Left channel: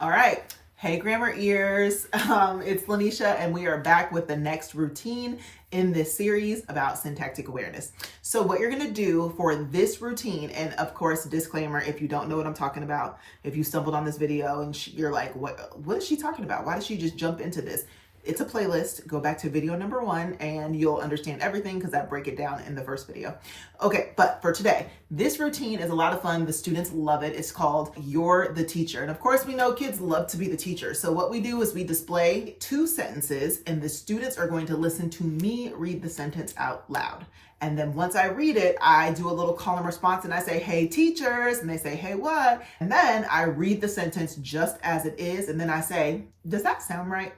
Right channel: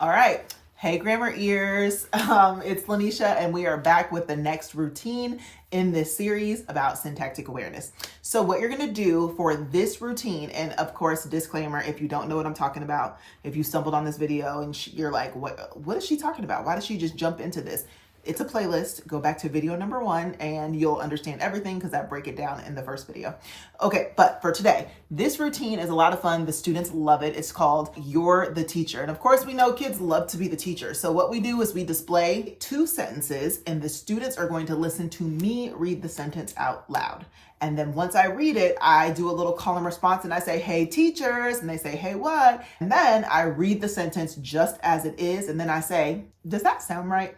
All right. Hey, grammar ears. It's Lanisha, and we are back with the next routine in this series about syntactic awareness. So what you're going to do for this routine, and of course, disclaimer, if you don't know what I'm talking about, if you stumbled on this video and you're like, what is she talking about? Why did she just jump into this? It's a playlist. Go back to video number 1 and you'll understand everything because I break it down in the first video. Okay, but for today, this routine is a lot of fun. The students love it. It's called You're the Teacher. And of course, we know kids love to be the teacher. So what we do is we display 2 sentences and the students are going to listen to me read the sentence out loud. And then once I read it, I do a little call and response and I say, hey teachers, and they say, hey what? And then I read the sentence just as it is. And then I say, does that sound right?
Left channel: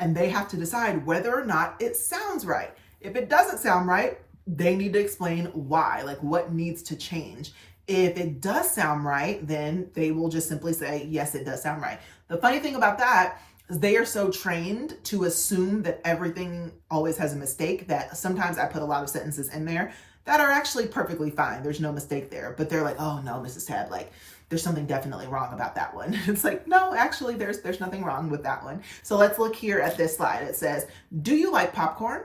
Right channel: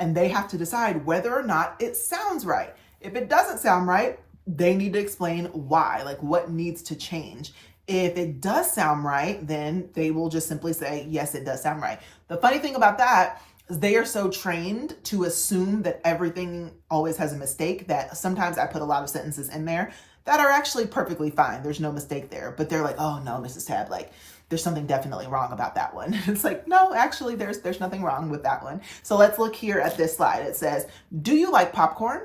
And they have to decide whether or not it sounds right. If it doesn't sound right, they need to explain why, like what needs to change. If it does sound right, then they will just simply say, yes, it does sound right. The funny thing about that is they are so trained to assume that everything always has a mistake that sometimes I put a lot of sentences in there that are actually perfectly fine. There's no mistake there, but they're like, oh no, Mrs. Tab, like, there's something definitely wrong about that one. It's like, no, actually, there's nothing wrong with that one. So let's look here at this slide. It says, do you like popcorn?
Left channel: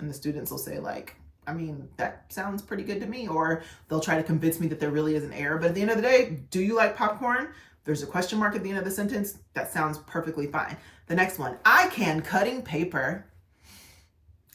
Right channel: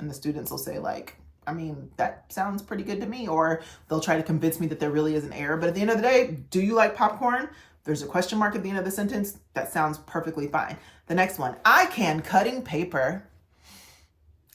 And the students will say like, I mean, that sounds pretty good to me. Or they'll try to convince me that there really is an error. But at the end of the day, do you like popcorn? There's a question mark at the end of the sentence. That sounds perfectly fine. The next one, I can cutting paper.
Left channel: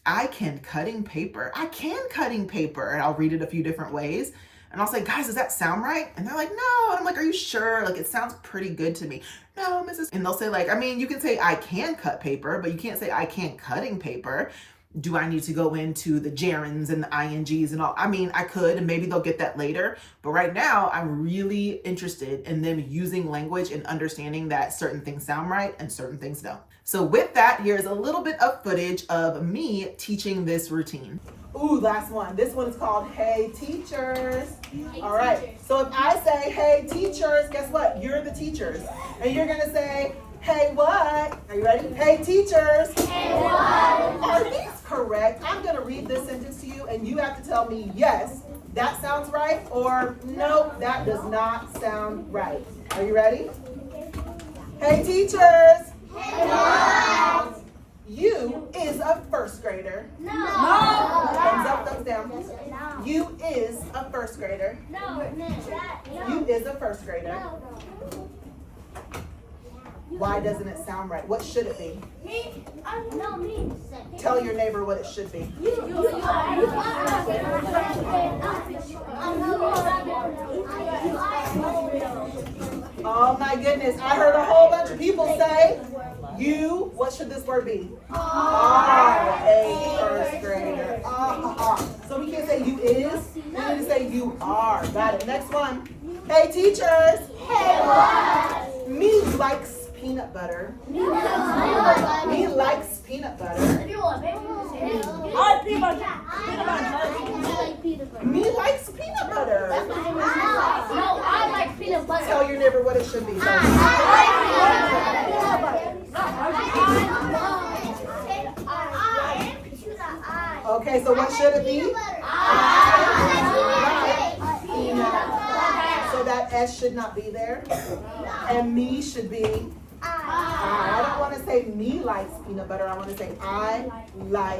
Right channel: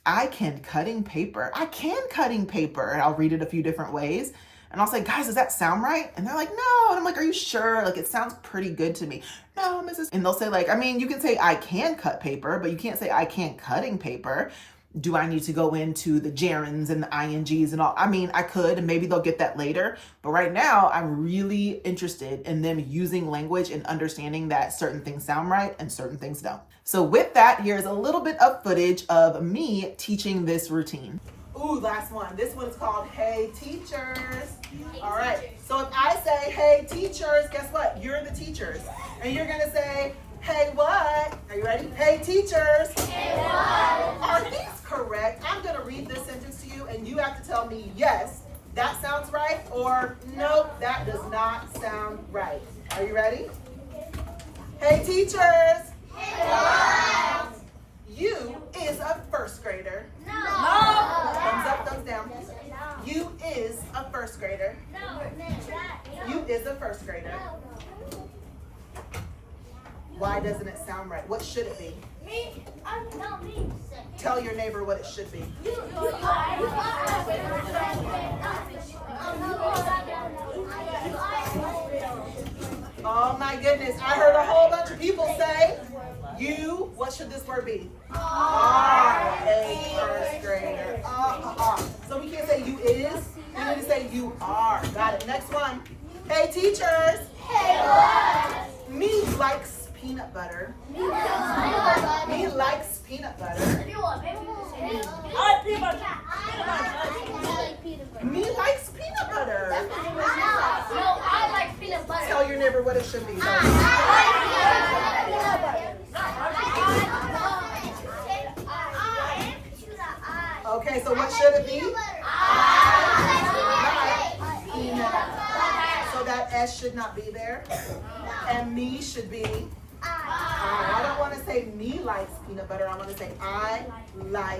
I can cutting paper. I can cutting paper. And I'll read it a few different ways. And I'll say, guys, does that sound right? And they're like, no. And I'm like, are you sure? Like, it sounds pretty good to me. No, Mrs. And they'll say like, I mean, you can say I can cut paper, but you can't say I can't cutting paper. Do I need to go into the gerunds and the INGs and all? I mean, I could, and maybe they'll get that later. But right now, I'm really interested in them using language and understanding that certain things sound right and certain things don't. So with that, here's a little bit of footage of me teaching this routine. Ooh, last one. This one's called Hey Teachers. All right. So if I say, hey teachers, guess what? You're the teachers. And you're going to say, hey what? Are you ready? Hey teachers. Hey what? Are these correct? I'm going to read this sentence to you and you have to tell me, yes, that sounds right, or no, that does not sound right. Are you ready? Hey teachers. Hey what? You is a first grader. No. Thumbs up, thumbs down. You is a first grader. No. You is a first grader. Why doesn't it sound right? What should it be? Me. No, me. Tell your neighbor what it should be. Oh my goodness, I heard a whole bunch of people say, you, what should this word be? Are a first grader. So we can't say you is, we need to say you are. Got it. Next one. Hey teachers. Hey what? Me likes peanut butter. Me likes peanut butter. Me likes peanut butter. No, I like peanut butter. Tell your neighbor what it should be. Okay, so what should it be? So that S should not be there. And me should be. I don't want to say me likes peanut butter. I want to say I like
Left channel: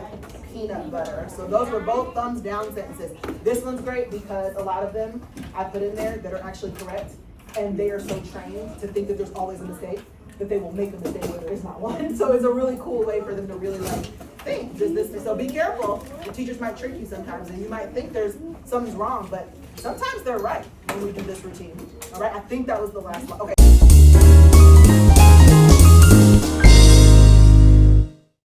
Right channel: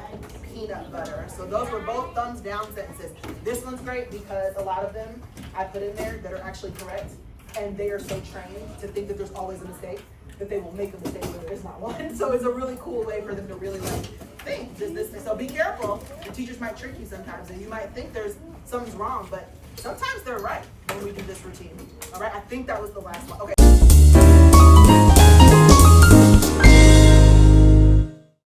peanut butter. So those were both thumbs down sentences. This one's great because a lot of them I put in there that are actually correct. And they are so trained to think that there's always a mistake that they will make a mistake when there is not one. So it's a really cool way for them to really like think, does this, so be careful. The teachers might trick you sometimes and you might think something's wrong, but sometimes they're right when we do this routine. All right, I think that was the last one. Okay.